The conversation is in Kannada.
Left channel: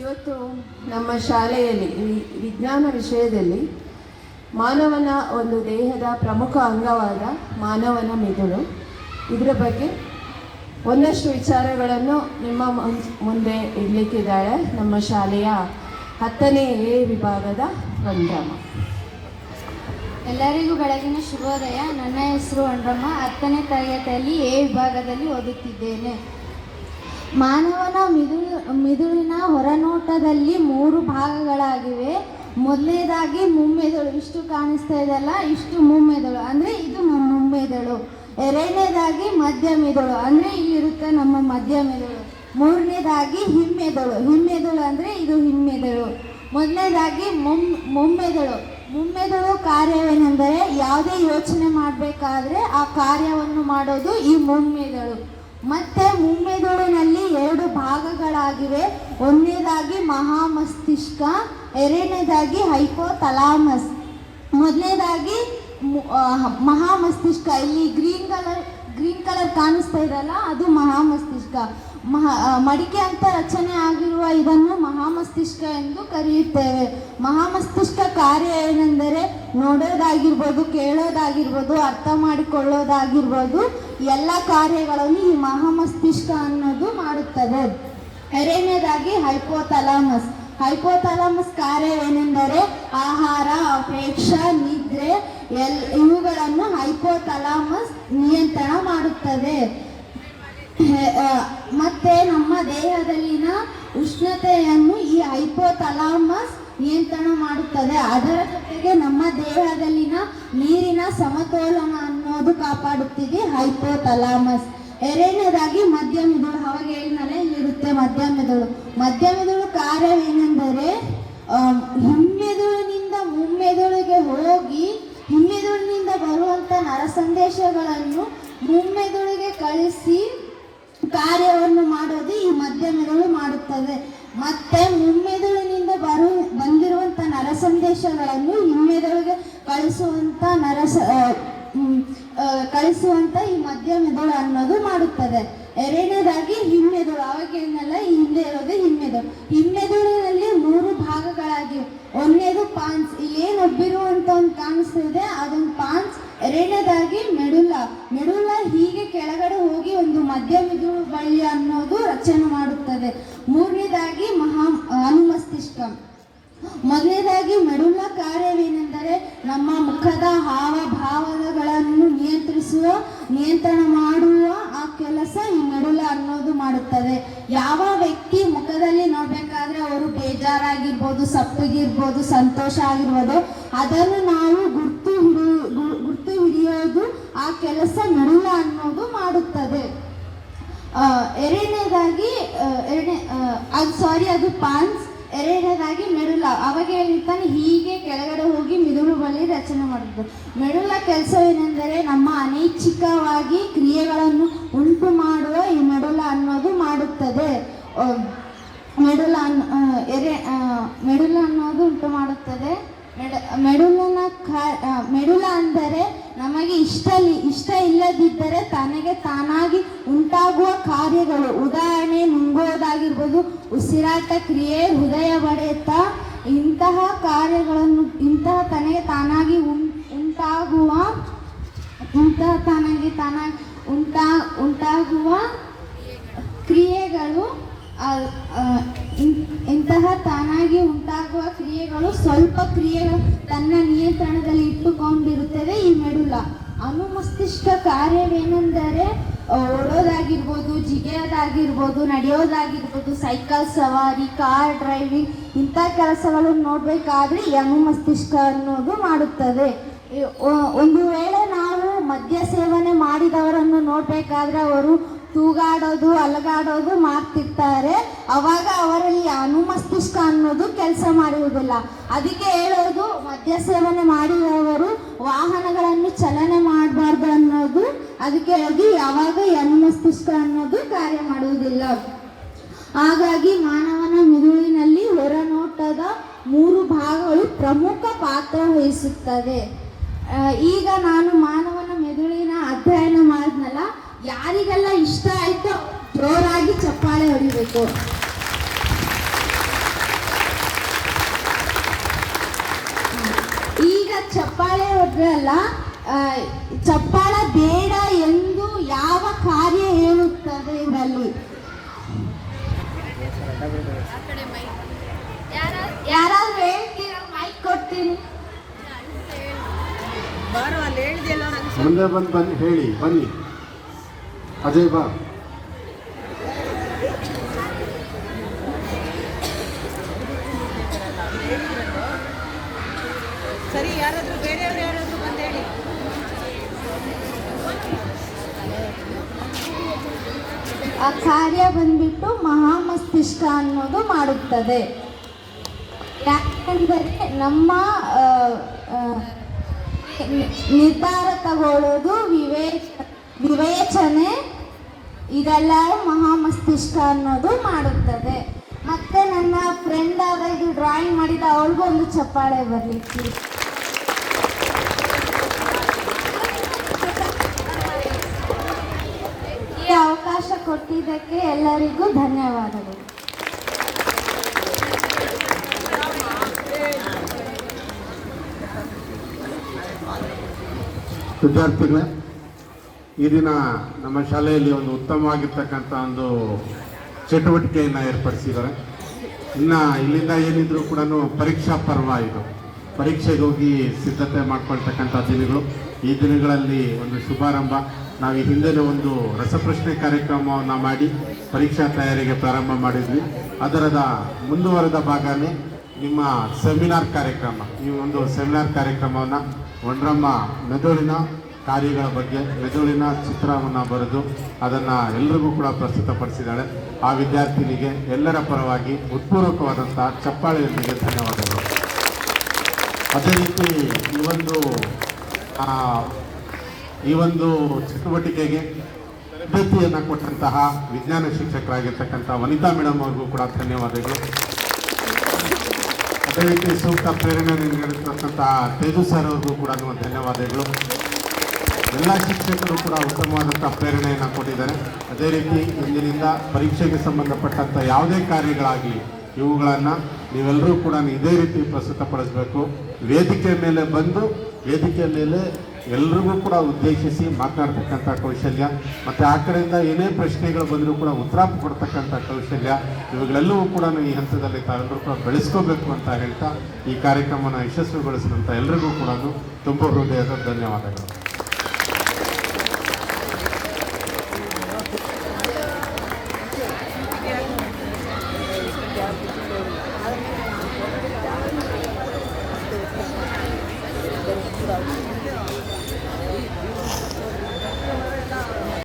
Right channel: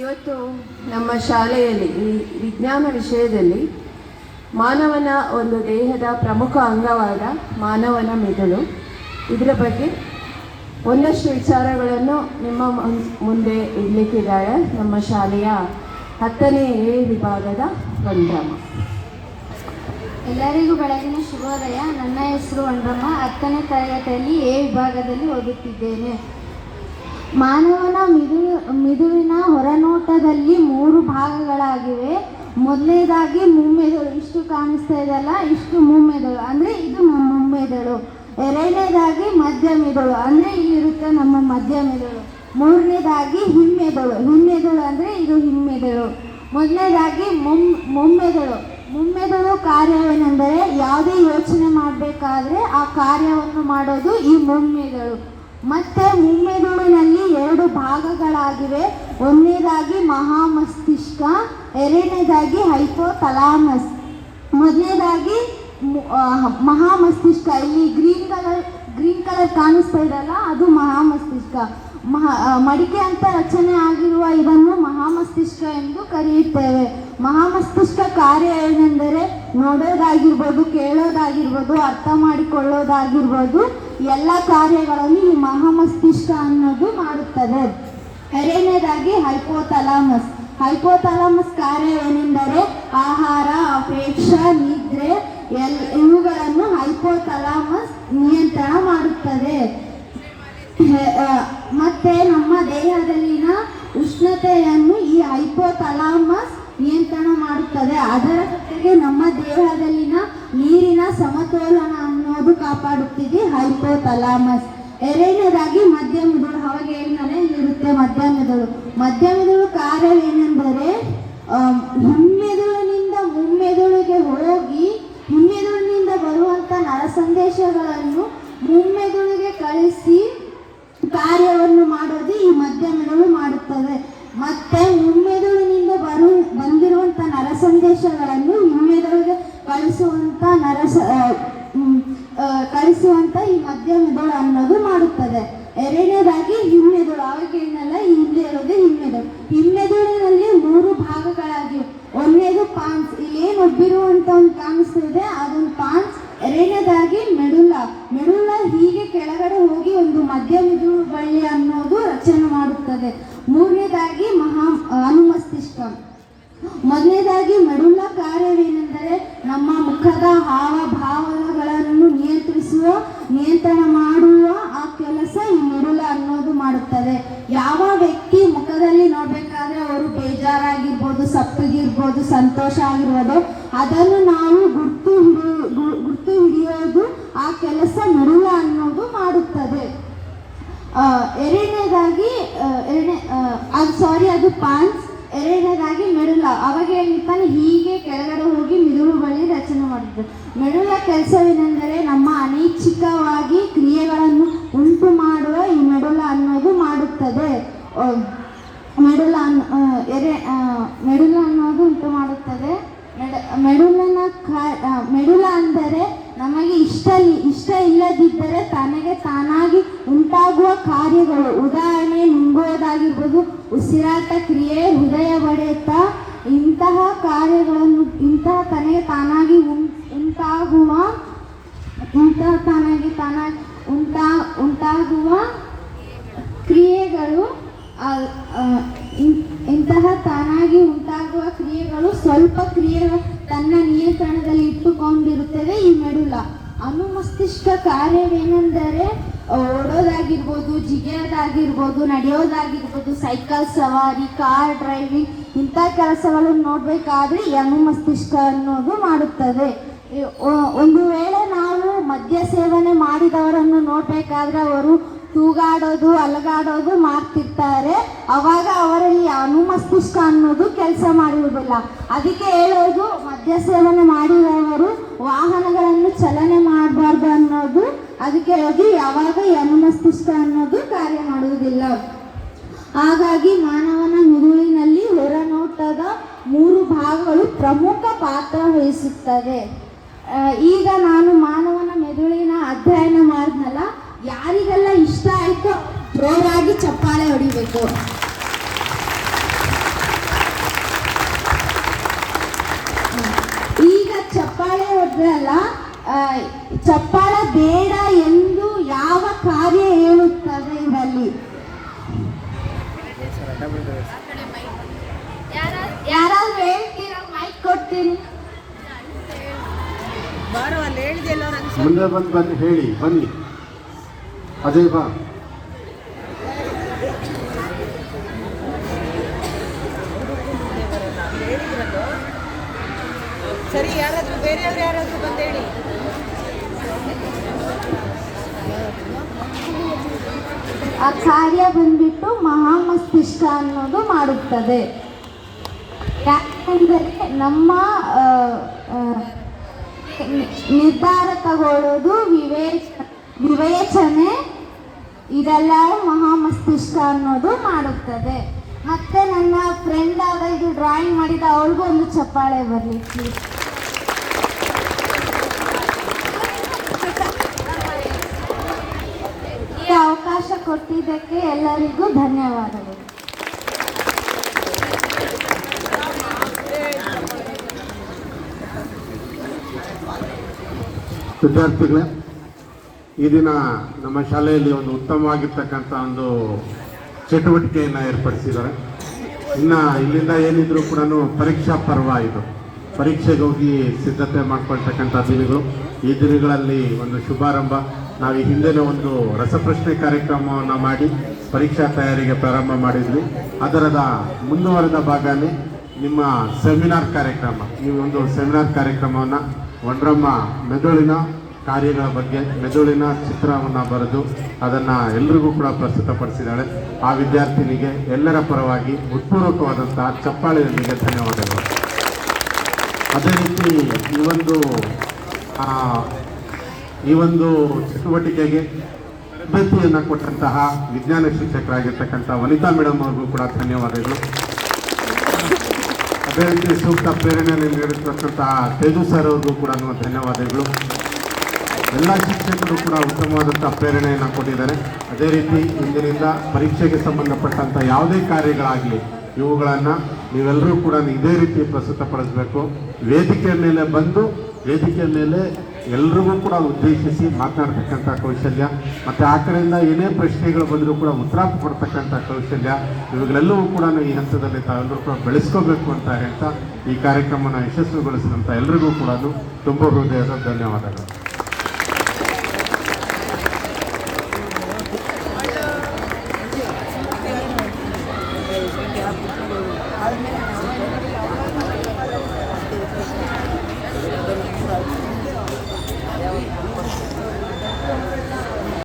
ಇವತ್ತು ನಮ್ಮ ಶಾಲೆಯಲ್ಲಿ ಈ ವಿಜ್ಞಾನ ವಿಷಯದಲ್ಲಿ ಮಾನವನ ಒಂದು ದೇಹದ ಪ್ರಮುಖ ಅಂಗವಾದ ಮಾನವನ ಮೆದುಳು, ಇದರ ಬಗ್ಗೆ ಒಂದಷ್ಟು ವಿಚಾರಗಳನ್ನು ನಿಮ್ಮ ಮುಂದೆ ಇಡಲಿಕ್ಕಿದ್ದಾಳೆ ನಮ್ಮ ಶಾಲೆಯ 10ನೇ ಎ ವಿಭಾಗದ ವಂದ್ರಮ್ಮ. ಎಲ್ಲರಿಗೂ ಬೆಳಗಿನ ಶುಭೋದಯ. ನನ್ನ ಹೆಸರು ವಂದ್ರಮ್ಮ. 10ನೇ ತರಗತಿಯಲ್ಲಿ ಎ ವಿಭಾಗದಲ್ಲಿ ಓದುತ್ತಿದ್ದೇನೆ. ಮಾನವನ ಮಿದುಳಿನ ಹೊರನೋಟದಲ್ಲಿ 3 ಭಾಗಗಳಾಗಿವೆ. ಮೊದಲನೇದಾಗಿ ಮುಮ್ಮೆದುಳು, ಇಷ್ಟು ಕಾಣಿಸ್ತಾ ಇದೆಯಲ್ಲ, ಇಷ್ಟು ಮುಮ್ಮೆದುಳು ಅಂದರೆ ಇದು ನಮ್ಮ ಮುಮ್ಮೆದುಳು. ಎರಡನೇದಾಗಿ ಮಧ್ಯ ಮೆದುಳು ಅಂದರೆ ಇಲ್ಲಿರುತ್ತೆ ನಮ್ಮ ಮಧ್ಯ ಮೆದುಳು. ಮೂರನೇದಾಗಿ ಹಿಮ್ಮೆದುಳು ಅಂದರೆ ಇದು ಹಿಮ್ಮೆದುಳು. ಮೊದಲನೇದಾಗಿ ಮುಮ್ಮೆದುಳು ಕಾರ್ಯವೇನೆಂದರೆ ಯಾವುದೇ ಯೋಚನೆ ಮಾಡಬೇಕಾದ್ರೆ ಆ ಕಾರ್ಯವನ್ನು ಮಾಡೋದು ಈ ಮುಮ್ಮೆದುಳು. ಮತ್ತೆ ಮುಮ್ಮೆದುಳಿನಲ್ಲಿ 2 ಭಾಗಗಳಾಗಿವೆ. ಒಂದನೇದಾಗಿ ಮಹಾಮಸ್ತಿಷ್ಕ, ಎರಡನೇದಾಗಿ ಹೈಪೋಥಾಲಮಸ್. ಮೊದಲನೇದಾಗಿ ಮಹಾಮಸ್ತಿಷ್ಕ, ಇಲ್ಲಿ ಗ್ರೀನ್ ಕಲರ್ ಕಾಣಿಸ್ತಾ ಇದೆಯಲ್ಲ, ಅದು ಮಹಾಮಸ್ತಿಷ್ಕ. ಮಡಿಕೆ ಅಂತ ರಚನೆ ಆಗಿರುವ ಇದನ್ನು ಮಹಾಮಸ್ತಿಷ್ಕ ಎಂದು ಕರೆಯುತ್ತೇವೆ. ಮಹಾಮಸ್ತಿಷ್ಕ ಕಾರ್ಯ ಏನೆಂದರೆ ನೋಡೋದಾಗಿರ್ಬೋದು, ಕೇಳೋದಾಗಿರ್ಬೋದು, ಅರ್ಥ ಮಾಡಿಕೊಳ್ಳೋದಾಗಿರ್ಬೋದು, ಎಲ್ಲ ಕಾರ್ಯಗಳನ್ನು ಈ ಮಹಾಮಸ್ತಿಷ್ಕ ಅನ್ನೋದು ಮಾಡುತ್ತದೆ. ಎರಡನೇದಾಗಿ ಹೈಪೋಥಾಲಮಸ್ ಕಾರ್ಯ ಏನೆಂದರೆ ಆಹಾರ, ಅಪೇಕ್ಷೆ, ನಿದ್ರೆ ಇವುಗಳನ್ನು ಹೈಪೋಥಾಲಮಸ್ ನಿಯಂತ್ರಣ ಮಾಡುತ್ತದೆ. ಮತ್ತೆ ನಮ್ಮ ದೇಹದಲ್ಲಿನ ಉಷ್ಣತೆಯನ್ನು ಈ ಹೈಪೋಥಾಲಮಸ್ ನಿಯಂತ್ರಣ ಮಾಡುತ್ತದೆ. ಅದರ ಜೊತೆಗೆ ನಮ್ಮ ದೇಹದಲ್ಲಿನ ನೀರಿನ ಸಮತೋಲನ ಅನ್ನೋದು ಕಾಪಾಡುತ್ತಿದೆ ಹೈಪೋಥಾಲಮಸ್. ಎರಡನೇದಾಗಿ ಮಧ್ಯ ಮೆದುಳು, ಅವಾಗ ಹೇಳಿದರೆ ಇಲ್ಲಿರುತ್ತೆ ಮಧ್ಯ ಮೆದುಳು ಕಾರ್ಯವೇನೆಂದರೆ ಹಿಮ್ಮೆದುಳಿನಿಂದ ಮುಮ್ಮೆದುಳಿಗೆ ಹೋಗಿ ಹಿಮ್ಮೆದುಳಿನಿಂದ ಬರುವಂಥ ನರ ಸಂದೇಶಗಳನ್ನು ಮುಮ್ಮೆದುಳಿಗೆ ಕಳಿಸಿ ಕಾರ್ಯವನ್ನು ಮಾಡೋದು ಈ ಮಧ್ಯ ಮೆದುಳು ಮಾಡುತ್ತದೆ. ಮತ್ತೆ ಮುಮ್ಮೆದುಳಿನಿಂದ ಬಂದಿರುವಂಥ ನರ ಸಂದೇಶಗಳನ್ನು ಹಿಮ್ಮೆದುಳಿಗೆ ಕಳಿಸುವಂತ ಈ ಮಧ್ಯ ಮೆದುಳು ಅನ್ನೋದು ಮಾಡುತ್ತದೆ. ಎರಡನೇದಾಗಿ ಹಿಮ್ಮೆದುಳು, ಅವಾಗ ಏನಲ್ಲ ಹಿಂದೆ ಇರೋದು ಹಿಮ್ಮೆದುಳಿನಲ್ಲಿ 3 ಭಾಗಗಳಾಗಿವೆ. ಒಂದನೇದು ಪಾನ್ಸ್, ಇಲ್ಲಿ ಏನು ಒಬ್ಬಿರುವಂತ ಒಂದು ಕಾಣಿಸ್ತಿದೆ ಅದೊಂದು ಪಾನ್ಸ್. ಎರಡನೇದಾಗಿ ಮೆಡುಲ ಹೀಗೆ ಕೆಳಗಡೆ ಹೋಗಿ ಒಂದು ಮಧ್ಯ ಮೆದುಳು ಬಳ್ಳಿ ಅನ್ನೋದು ರಚನೆ ಮಾಡುತ್ತದೆ. ಮೂರನೇದಾಗಿ ಅನುಮಸ್ತಿಷ್ಕ. ಮೊದಲನೇದಾಗಿ ಮೆಡುಲ ಕಾರ್ಯವೇನೆಂದರೆ ನಮ್ಮ ಮುಖದ ಹಾವಭಾವಗಳನ್ನು ನಿಯಂತ್ರಣ ಮಾಡುವ ಆ ಕೆಲಸ ಈ ಮೆಡುಲ ಅನ್ನೋದು ಮಾಡುತ್ತದೆ. ಯಾವ ವ್ಯಕ್ತಿ ಮುಖದಲ್ಲಿ ನೋಡ್ಬೇಕಾದ್ರೆ ಅವರು ಬೇಜಾರಾಗಿರ್ಬೋದು, ಸಪ್ಪಗಿರ್ಬೋದು, ಸಂತೋಷ ಆಗಿರ್ಬೋದು, ಅದನ್ನು ನಾವು ಗುರ್ತು ಹಿಡಿಯೋದು ಆ ಕೆಲಸ ಮೆಡುಲ ಅನ್ನೋದು ಮಾಡುತ್ತದೆ. ಎರಡನೇದಾಗಿ ಅದು ಪಾನ್ಸ್. ಎರಡನೇದಾಗಿ ಮೆಡುಲ, ಅವಾಗ ಹೇಳ್ತಾನೆ ಹೀಗೆ ಕೆಳಗಡೆ ಹೋಗಿ ಮಿದುಳು ಬಳಿ ರಚನೆ ಮಾಡುತ್ತದೆ. ಮೆಡುಲ ಕೆಲಸವೇನೆಂದರೆ ನಮ್ಮ ಅನೈಚ್ಛಿಕವಾಗಿ ಕ್ರಿಯೆಗಳನ್ನು ಉಂಟು ಮಾಡುವ ಈ ಮೆಡುಲ ಅನ್ನೋದು ಮಾಡುತ್ತದೆ. ಮೆಡುಲ ಅನ್ನೋದು ಉಂಟು ಮಾಡುತ್ತದೆ. ಮೆಡುಲ ಅಂದರೆ ನಮಗೆ ಇಷ್ಟ ಇಲ್ಲದಿದ್ದರೆ ತನಗೆ ತಾನಾಗಿ ಉಂಟಾಗುವ ಕಾರ್ಯಗಳು, ಉದಾಹರಣೆ ನುಂಗೋದಾಗಿರ್ಬೋದು, ಉಸಿರಾಟ ಕ್ರಿಯೆ, ಹೃದಯ ಬಡಿತ, ಇಂತಹ ಕಾರ್ಯಗಳನ್ನು ತನಗೆ ತಾನಾಗಿ ಉಂಟಾಗುವ ಕ್ರಿಯೆಗಳು, ಸ್ವಲ್ಪ ಕ್ರಿಯೆಗಳು ತನ್ನ ನಿಯಂತ್ರಣದಲ್ಲಿ ಇಟ್ಟುಕೊಂಡಿರುತ್ತದೆ ಈ ಮೆಡುಲ. ಅನುಮಸ್ತಿಷ್ಕ ಕಾರ್ಯವೇನೆಂದರೆ ಓಡೋದಾಗಿರ್ಬೋದು, ಜಿಗಿಯೋದಾಗಿರ್ಬೋದು, ನಡೆಯೋದಾಗಿರ್ಬೋದು, ಸೈಕಲ್ ಸವಾರಿ, ಕಾರ್ ಡ್ರೈವಿಂಗ್, ಇಂಥ ಕೆಲಸಗಳನ್ನು ನೋಡಬೇಕಾದ್ರೆ ಈ ಅನುಮಸ್ತಿಷ್ಕ ಅನ್ನೋದು ಮಾಡುತ್ತದೆ. ಒಂದು ವೇಳೆ ನಾವು ಮದ್ಯ ಸೇವನೆ ಮಾಡಿದವರನ್ನು ನೋಡಬೇಕಾದ್ರೆ ಅವರು ತೂಗಾಡೋದು, ಅಲಗಾಡೋದು ಮಾಡ್ತಿರ್ತಾರೆ. ಅವಾಗ ಅವರಲ್ಲಿ ಅನುಮಸ್ತಿಷ್ಕ ಅನ್ನೋದು ಕೆಲಸ ಮಾಡಿರುವುದಿಲ್ಲ. ಅದಕ್ಕೆ ಹೇಳೋದು ಮದ್ಯ ಸೇವನೆ ಮಾಡಿದವರು ವಾಹನಗಳನ್ನು ಚಲನೆ ಮಾಡಬಾರ್ದು ಅನ್ನೋದು. ಅದಕ್ಕೆ ಹೇಳೋದು ಯಾವಾಗ ಈ ಅನುಮಸ್ತಿಷ್ಕ ಅನ್ನೋದು ಕಾರ್ಯ ಮಾಡುವುದಿಲ್ಲ. ಹಾಗಾಗಿ ಮಾನವನ ಮಿದುಳಿನಲ್ಲಿ ಹೊರನೋಟದ 3 ಭಾಗಗಳು ಪ್ರಮುಖ ಪಾತ್ರ ವಹಿಸುತ್ತದೆ. ಈಗ ನಾನು ಮಾನವನ ಮೆದುಳಿನ ಅಧ್ಯಯನ ಮಾಡಿದ್ನಲ್ಲ, ಯಾರಿಗೆಲ್ಲ ಇಷ್ಟ ಆಯ್ತು ಜೋರಾಗಿ ಚಪ್ಪಾಳೆ ಹೊಡಿಬೇಕು. ಬರ್ತೀನಿ. ಮುಂದೆ ಬನ್ನಿ, ಹೇಳಿ ಬನ್ನಿ. ಅಜಯ್ ಬಾ. ಸರಿ, ಯಾರಾದ್ರೂ ಬೇರೆಯವ್ರು ಯಾರಾದ್ರೂ ಬಂದು ಹೇಳಿ. ಆ ಕಾರ್ಯ ಬಂದ್ಬಿಟ್ಟು ಮಹಾಮಸ್ತಿಷ್ಕ ಅನ್ನೋದು ಮಾಡುತ್ತದೆ. ಯಾಕೆಂದರೆ ನಮ್ಮ ನಿರ್ಧಾರ ತಗೊಳ್ಳೋದು, ವಿವೇಚನೆ ಇದೆಲ್ಲ ಮಹಾಮಸ್ತಿಷ್ಕ ಅನ್ನೋದು ಮಾಡುತ್ತದೆ. ಮತ್ತೆ ನನ್ನ ಫ್ರೆಂಡ್ ಆದ ಇದು ಡ್ರಾಯಿಂಗ್ ಮಾಡಿದ ಅವಳಿಗೂ ಒಂದು ಚಪ್ಪಾಳೆ ಬರಲಿಕ್ಕೆ. ಈ ಅವಕಾಶ ಕೊಟ್ಟಿದ್ದಕ್ಕೆ ಎಲ್ಲರಿಗೂ ಧನ್ಯವಾದಗಳು. ವಿದ್ಯಾರ್ಥಿಗಳೇ, ಈ ದಿನ ನಮ್ಮ ಶಾಲೆಯಲ್ಲಿ ಒಂದು ಉತ್ತಮವಾಗಿರ್ತಕ್ಕಂಥ ಒಂದು ಚಟುವಟಿಕೆಯನ್ನು ಏರ್ಪಡಿಸಿದ್ದಾರೆ. ಇನ್ನು ಇಲ್ಲಿಂದ ಏನಿದ್ರು ಕೂಡ ಪರೀಕ್ಷಾ ಪರ್ವ ಇದು, ಪರೀಕ್ಷೆಗೆ ಹೋಗಿ ಸಿದ್ಧತೆ ಮಾಡ್ಕೊಳ್ತಕ್ಕಂಥ ದಿನಗಳು. ಈ ದಿನಗಳಲ್ಲಿ ಒಂದು ಶುಭಾರಂಭ. ನಾವು ಈ ಹಿಂದಿನ ಒಂದು ರಸಪ್ರಶ್ನೆ ಕಾರ್ಯಕ್ರಮವನ್ನು ಮಾಡಿ ಪರೀಕ್ಷಾ ತಯಾರಿಗೆ ಪ್ರಾರಂಭ ಮಾಡಿದ್ವಿ. ಅದರದ ಮುಂದುವರೆದ ಭಾಗದಲ್ಲಿ ನಿಮ್ಮ ಸೆಮಿನಾರ್ ಕಾರ್ಯಕ್ರಮ, ಈ ಒಂದು ಸೆಮಿನಾರ್ ಕಾರ್ಯಕ್ರಮವನ್ನು ಒಂಡ್ರಮ್ಮ ಮೆದುಳಿನ ಕಾರ್ಯಗಳ ಬಗ್ಗೆ, ಮೆದುಳಿನ ಚಿತ್ರವನ್ನು ಬರೆದು ಅದನ್ನು ಎಲ್ರಿಗೂ ಕೂಡ ಪ್ರಸ್ತುತಪಡಿಸಿದ್ದಾಳೆ. ಆ ವಿದ್ಯಾರ್ಥಿನಿಗೆ ಎಲ್ಲರ ಪರವಾಗಿ ಉತ್ಪೂರ್ವಕವಾದಂತಹ ಚಪ್ಪಾಳೆಯೊಂದಿಗೆ ಧನ್ಯವಾದಗಳು. ಅದೇ ರೀತಿ ಈ ಒಂದು ಚಟುವಟಿಕೆಗೆ ತರಬೇತಿಯನ್ನು ಕೊಟ್ಟಂತಹ ವಿಜ್ಞಾನ ಶಿಕ್ಷಕರಾಗಿರ್ತಕ್ಕಂಥ ವನಿತಾ ಮೇಡಮ್ ಅವ್ರಿಗೂ ಕೂಡ ಧನ್ಯವಾದಗಳು. ಅದೇ ರೀತಿ ಸೂಕ್ತ ಪ್ರೇರಣೆಯನ್ನು ನೀಡಿರ್ತಕ್ಕಂತಹ ತೇಜು ಸರ್ ಅವ್ರಿಗೂ ಕೂಡ ಧನ್ಯವಾದಗಳು. ಎಲ್ಲ ಶಿಕ್ಷಕರು ಕೂಡ ಉತ್ತಮವಾದಂಥ ಪ್ರೇರಣೆಯನ್ನು ಕೊಟ್ಟಿದ್ದಾರೆ. ಅದೇ ರೀತಿ ಇಂದಿನಿಂದ ಪರೀಕ್ಷೆಗೆ ಸಂಬಂಧಪಟ್ಟಂಥ ಯಾವುದೇ ಕಾರ್ಯಗಳಾಗಲಿ ಇವುಗಳನ್ನು ನೀವೆಲ್ಲರೂ ಕೂಡ ಇದೇ ರೀತಿ ಪ್ರಸ್ತುತಪಡಿಸಬೇಕು. ವೇದಿಕೆ ಮೇಲೆ ಬಂದು ವೇದಿಕೆ ಮೇಲೆ ಎಲ್ರಿಗೂ ಕೂಡ ಉದ್ದೇಶಿಸಿ ಮಾತನಾಡ್ತಕ್ಕಂಥ ಕೌಶಲ್ಯ, ಮತ್ತು ಆ ಕಡೆಯಿಂದ ಏನೇ ಪ್ರಶ್ನೆಗಳು ಬಂದರೂ ಕೂಡ ಉತ್ತರ ಕೊಡ್ತಕ್ಕಂಥ ಕೌಶಲ್ಯ, ಇವುಗಳೆಲ್ಲವೂ ಕೂಡ ಈ ಹಂತದಲ್ಲಿ ತಾವೆಲ್ಲರೂ ಕೂಡ ಬೆಳೆಸ್ಕೋಬೇಕು ಅಂತ ಹೇಳ್ತಾ ಈ ಕಾರ್ಯಕ್ರಮವನ್ನು ಯಶಸ್ವಿಗೊಳಿಸಿದಂಥ ಎಲ್ರಿಗೂ ಕೂಡ ತುಂಬ ಹೃದಯದ ಧನ್ಯವಾದಗಳು.